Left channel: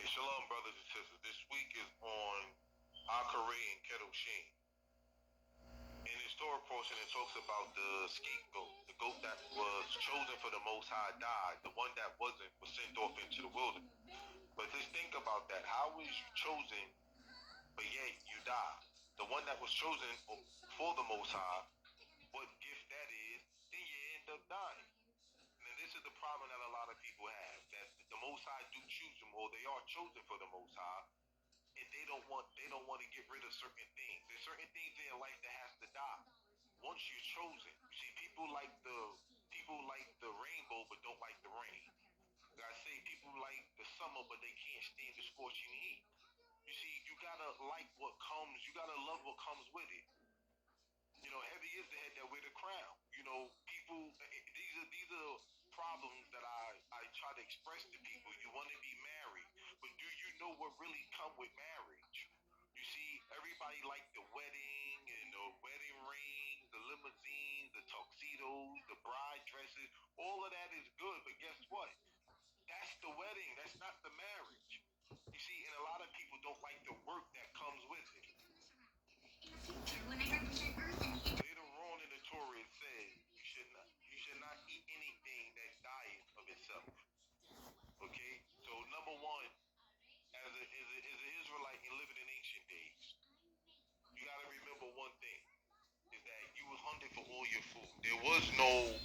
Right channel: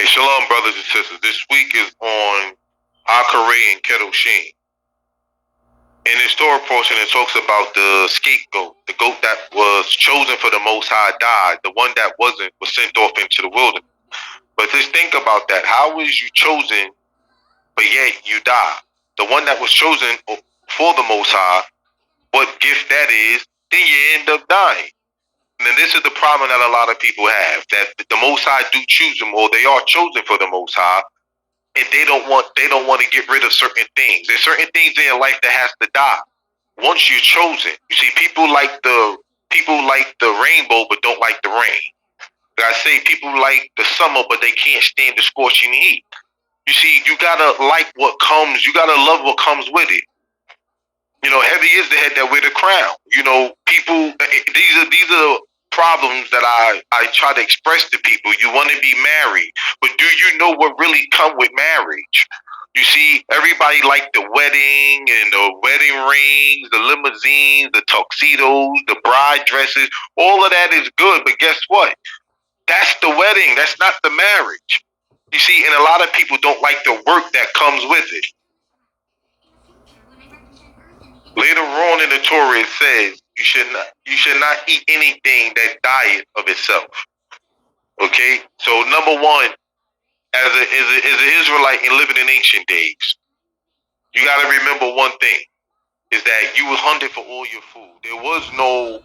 Hey, shalom, brothers and sisters. This week is on Acharei and Kedoshim. In this Torah portion, it talks about the scapegoat, the goat that was chosen for the Most High died. The one that wasn't was sent off into the wilderness. But just think about that. How is you chosen, but yet you die? The one that was chosen for the Most High, what gift that is, then you end up dying. And this is the problem that a lot of people have, that the Most High do choose them, or they are chosen for the Most High, and they don't want to get rid of certain things. There's certain things in your life that has to die once you're chosen. You see, people like the rainbow but don't like the rain. Like I say, people like the summer but they can't stand the scorching heat. You see, you gotta like what comes. You gotta love what comes with it. You know, heavy is the head that wear the crown. You know, people. These are problems that I try to express to people. You want to be married, but do you know what really come with marriage? You see, everybody like the wedding and the wedding rings, the limousines, the tuxedos, the bride dresses. All of that is good, but guess what? That's the wedding. That's not the marriage. You see, and a lot of people don't like the work that comes with it. Later on in the Torah, it says you should not eat anything that dieth of itself. Okay, so number one, as an Israelite and living in ancient days, you got to remember one thing: is that you was hunted for all your food. There was no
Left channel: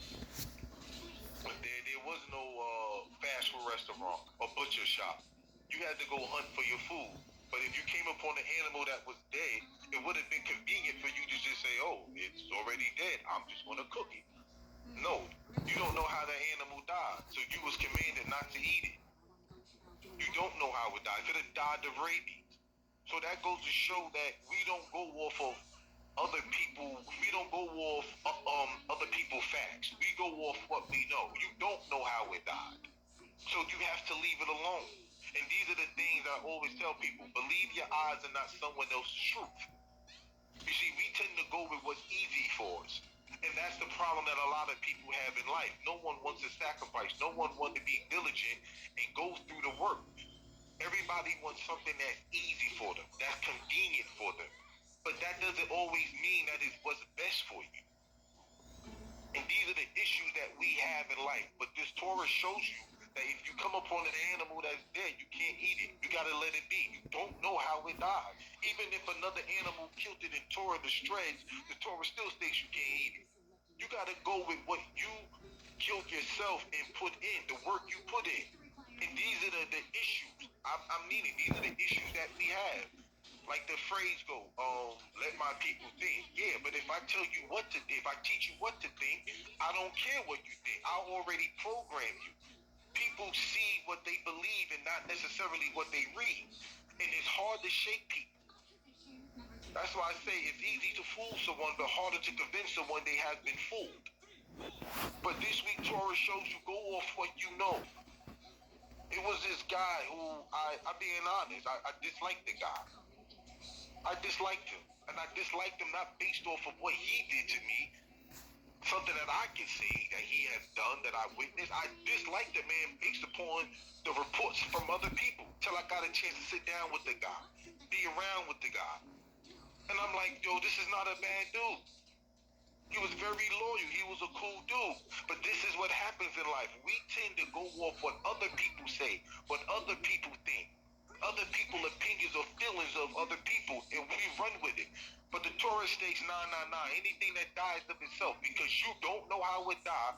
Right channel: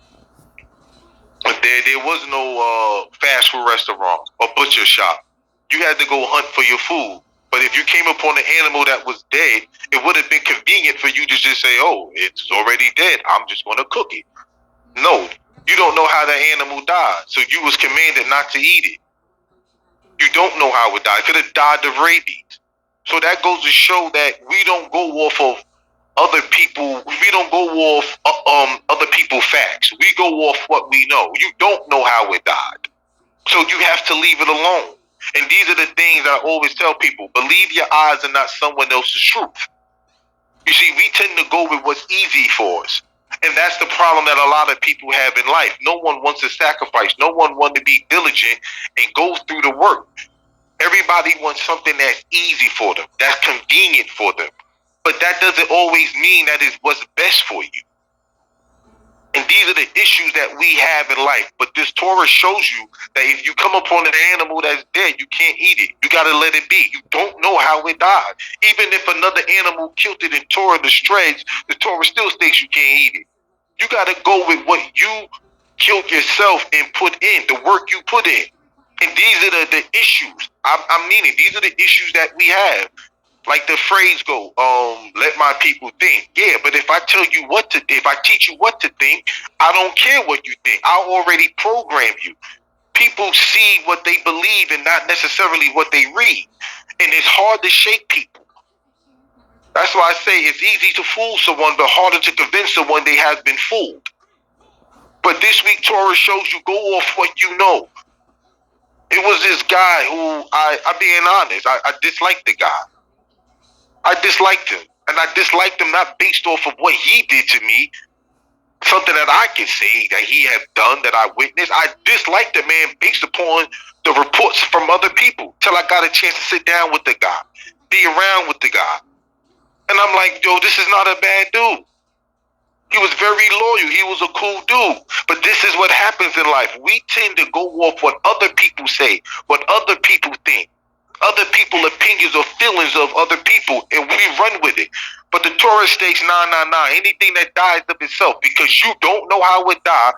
fast food restaurant or butcher shop. You had to go hunt for your food. But if you came upon an animal that was dead, it would have been convenient for you to just say, "Oh, it's already dead. I'm just going to cook it." No, you don't know how the animal died, so you was commanded not to eat it. You don't know how it died. It could have died of rabies. So that goes to show that we don't go off of other people. We don't go off other people facts. We go off what we know. You don't know how it died, so you have to leave it alone. And these are the things I always tell people: believe your eyes and not someone else's truth. You see, we tend to go with what's easy for us. And that's the problem that a lot of people have in life. No one wants to sacrifice. No one wants to be diligent and go through the work. Everybody wants something that's easy for them, that's convenient for them. But that doesn't always mean that is what's best for you. And these are the issues that we have in life. But this Torah shows you that if you come upon an animal that's dead, you can't eat it. You got to let it be. You don't know how it died. Even if another animal killed it and tore it to shreds, the Torah still states you can't eat it. You got to go with what you killed yourself and put in, the work you put in. And these are the issues. I'm meaning, these are the issues that we have. Like the phrase go, let my people think. Yeah, but if I teach you what to think, I don't care what you think. I already program you. People see what they believe and not necessarily what they read. And it's hard to shake people. That's why I say it's easy to fool someone, but harder to convince someone they have been fooled. But this week Torah shows you go off what you know. It was this guy who, I'm being honest, I disliked the guy. I disliked him. And I disliked him not based off of what he did to me, something that I can say that he had done, that I witnessed. I disliked the man based upon the reports from other people till I got a chance to sit down with the guy, be around with the guy. And I'm like, yo, this is not a bad dude. He was very loyal. He was a cool dude. But this is what happens in life. We tend to go off what other people say, what other people think, other people's opinions or feelings of other people, and we run with it. But the Torah states, nah. Anything that dies of itself, because you don't know how it died,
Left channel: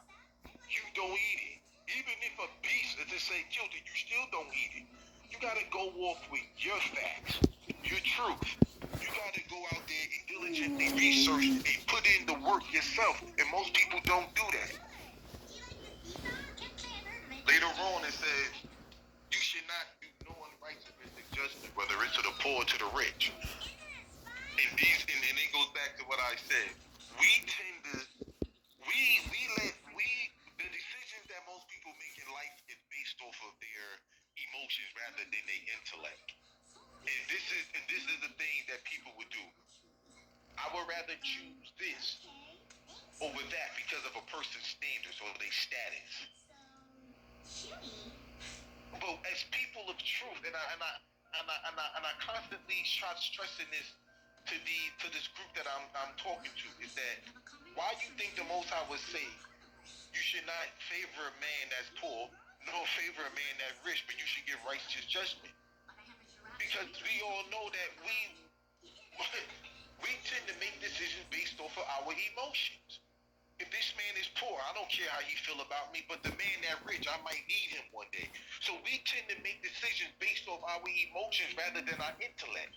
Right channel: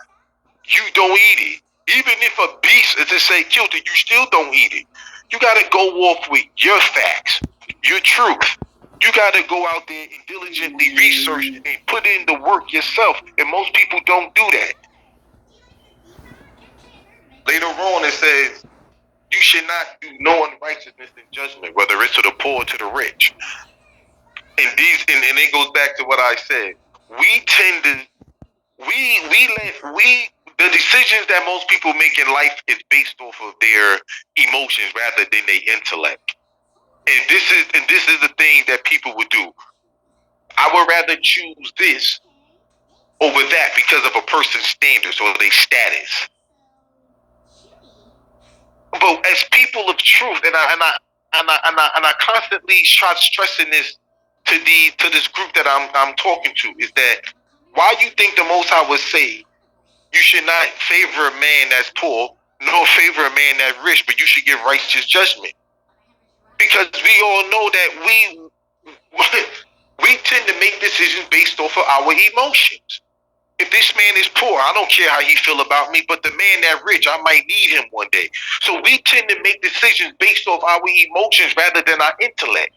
you don't eat it. Even if a beast, as they say, killed it, you still don't eat it. You got to go off with your facts, your truth. You got to go out there and diligently research and put in the work yourself. And most people don't do that. Later on, it says, you should not do no unrighteousness in judgment, whether it's to the poor or to the rich. And it goes back to what I said. We tend to, the decisions that most people make in life is based off of their emotions rather than their intellect. And this is the thing that people would do. I would rather choose this over that because of a person's standards or their status. But as people of truth, and I constantly try stressing this to this group that I'm talking to, is that why you think the Most High would say you should not favor a man that's poor, nor favor a man that's rich, but you should give righteous judgment? Because we all know that we tend to make decisions based off of our emotions. If this man is poor, I don't care how he feel about me, but the man that rich, I might need him one day. So we tend to make decisions based off our emotions rather than our intellect.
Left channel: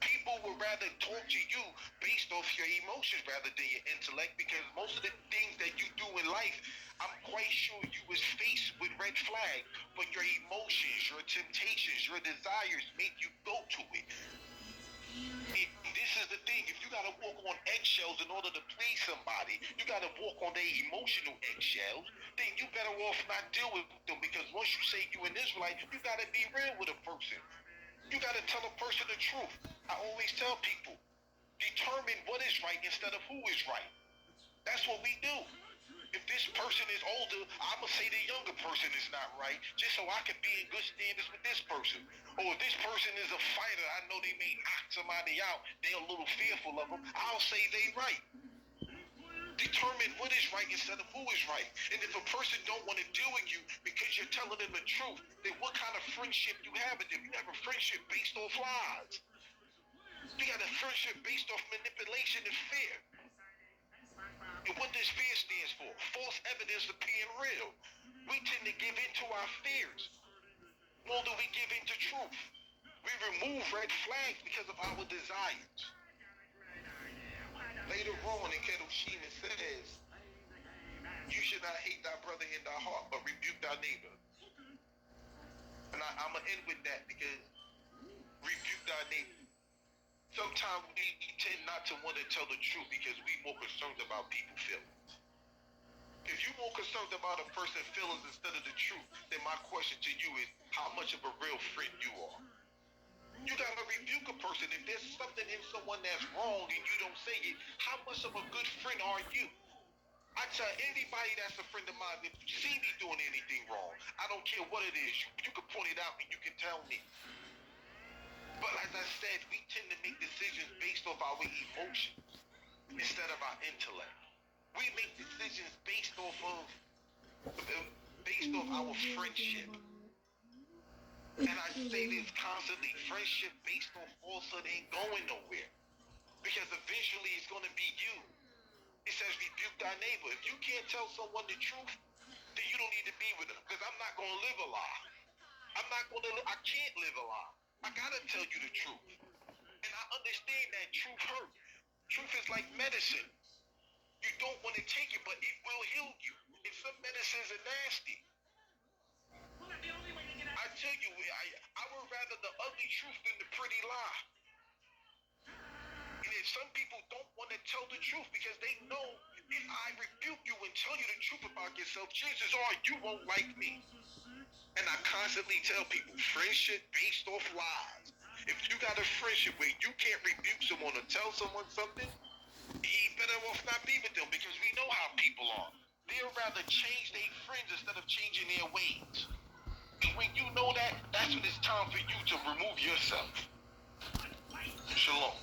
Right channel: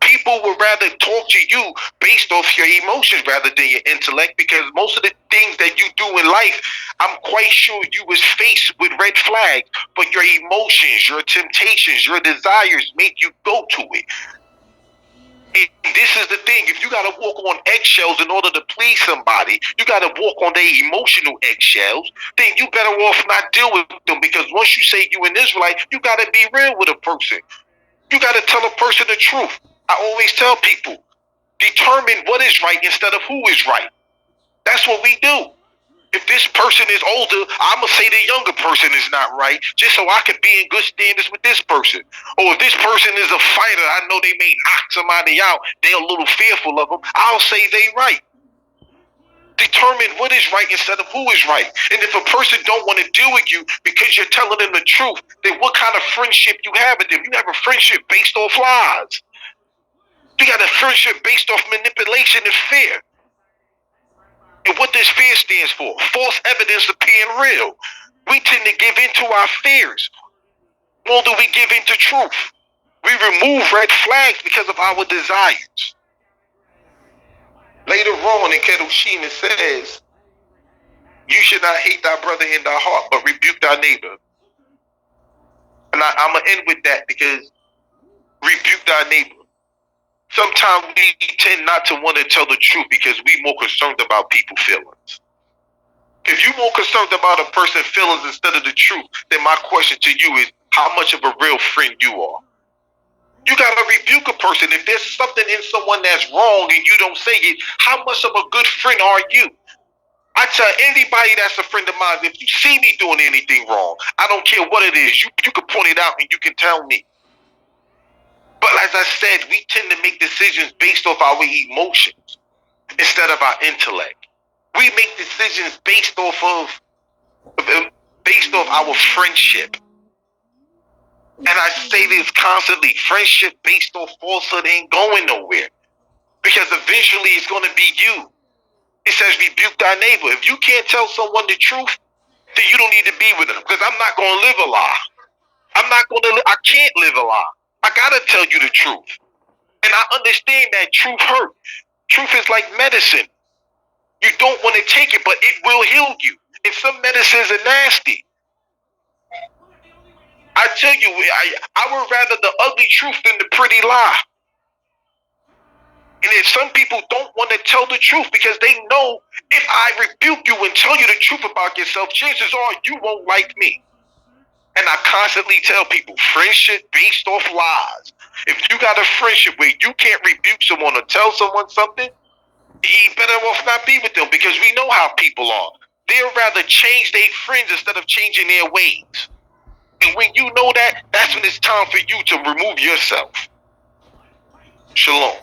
People would rather talk to you based off your emotions rather than your intellect, because most of the things that you do in life, I'm quite sure you was faced with red flags, but your emotions, your temptations, your desires make you go to it. And this is the thing, if you got to walk on eggshells in order to please somebody, you got to walk on their emotional eggshells, then you better off not deal with them, because once you say you an Israelite, you got to be real with a person. You got to tell a person the truth. I always tell people, determine what is right instead of who is right. That's what we do. If this person is older, I'm going to say the younger person is not right, just so I can be in good standards with this person. Or if this person is a fighter, I know they may knock somebody out, they're a little fearful of them, I'll say they right. Determine what is right instead of who is right. And if a person don't want to deal with you because you're telling them the truth, then what kind of friendship you have with them? You have a friendship based off lies. You got a friendship based off manipulation and fear. And what this fear stands for? False evidence appearing real. We tend to give in to our fears more than we give into truth. We remove red flags because of our desires. Later on in Kedoshim it says, you should not hate thy brother in thy heart, but rebuke thy neighbor. And I'm going to end with that, because rebuke thy neighbor. Sometimes we tend not to want to tell the truth because we're more concerned about people's feelings. If you're more concerned about a person's feelings instead of the truth, then my question to you is, how much of a real friend you are? You got to rebuke a person. If there's something in someone that's wrong and you don't say it, how much of a good friend are you? I tell anybody that's a friend of mine, if you see me doing anything wrong, I don't care what it is, you can point it out and you can tell me. But as I said, we tend to make decisions based off our emotions instead of our intellect. We make decisions based off our friendship. And I say this constantly, friendship based off falsehood ain't going nowhere, because eventually it's going to be you. It says rebuke thy neighbor. If you can't tell someone the truth, then you don't need to be with them, because I'm not going to live a lie. I can't live a lie. I got to tell you the truth. And I understand that truth hurt. Truth is like medicine. You don't want to take it, but it will heal you. And some medicines are nasty. I tell you, I would rather the ugly truth than the pretty lie. And if some people don't want to tell the truth because they know if I rebuke you and tell you the truth about yourself, chances are you won't like me. And I constantly tell people, friendship based off lies. If you got a friendship where you can't rebuke someone or tell someone something, you better off not be with them, because we know how people are. They'll rather change their friends instead of changing their ways. And when you know that, that's when it's time for you to remove yourself. Shalom.